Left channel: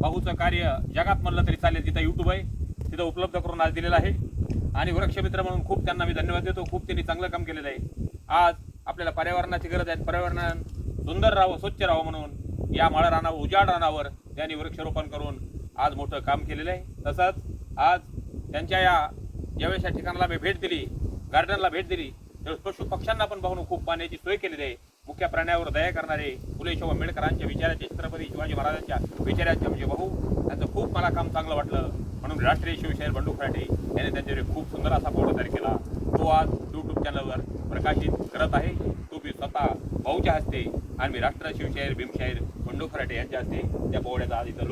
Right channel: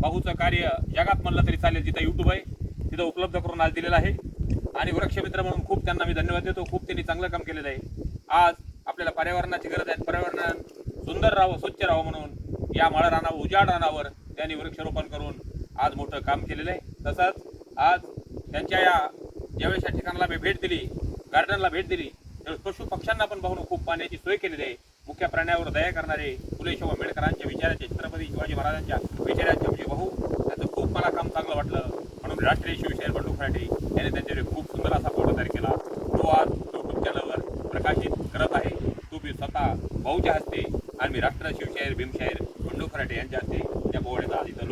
भाऊचं कार्य जगात म्हणलं तरी चालेल जिथं यूट्यूब आहे तिथं उपलब्ध करून आज दिलेलं आहे. आणि वृक्षमित्र म्हणून खूप त्यांना मी धन्यवाद देतो. खूप त्यांनी चांगलं काम केलेलं आहे. आज आपल्याला पर्यावरणाची गरज आहे. पर्यावरण सुंदर राहावं स्वच्छ राहावं म्हणून या माळ रानावर उजाड रानावर त्यांनी वृक्षारोपण करून आज मोठं काम केलेलं आहे. तसंच आज त्यांच्या या ज्यावेळेस या ठिकाणाला मी भेट दिली गार्डनला भेट दिली त्यावेळेस पशु पक्ष्यांना पण पाहून खूप पाण्याची सोय केलेली आहे. मुख्य प्राण्यावर दया करणारे फुले शाहू आंबेडकरांच्या विचाराचे छत्रपती शिवाजी महाराजांच्या विचाराचे म्हणजे भाऊ. त्यांचं खूप मला काम चांगलं वाटलं. म्हणून राष्ट्रीय शिवशाहीर बंडू फराटे यांनी त्यांच्यावर खूप सुंदर असा फोटो तयार केला. तो आज यूट्यूब चॅनलवर प्रकाशित करत आहे. तो मी स्वतः भाऊच्या हस्ते आणि मी राष्ट्रीय शिवशाहीर भीमशाहीर बंडू फराटे यांच्या हस्ते त्या पोहण्याचा आज इथं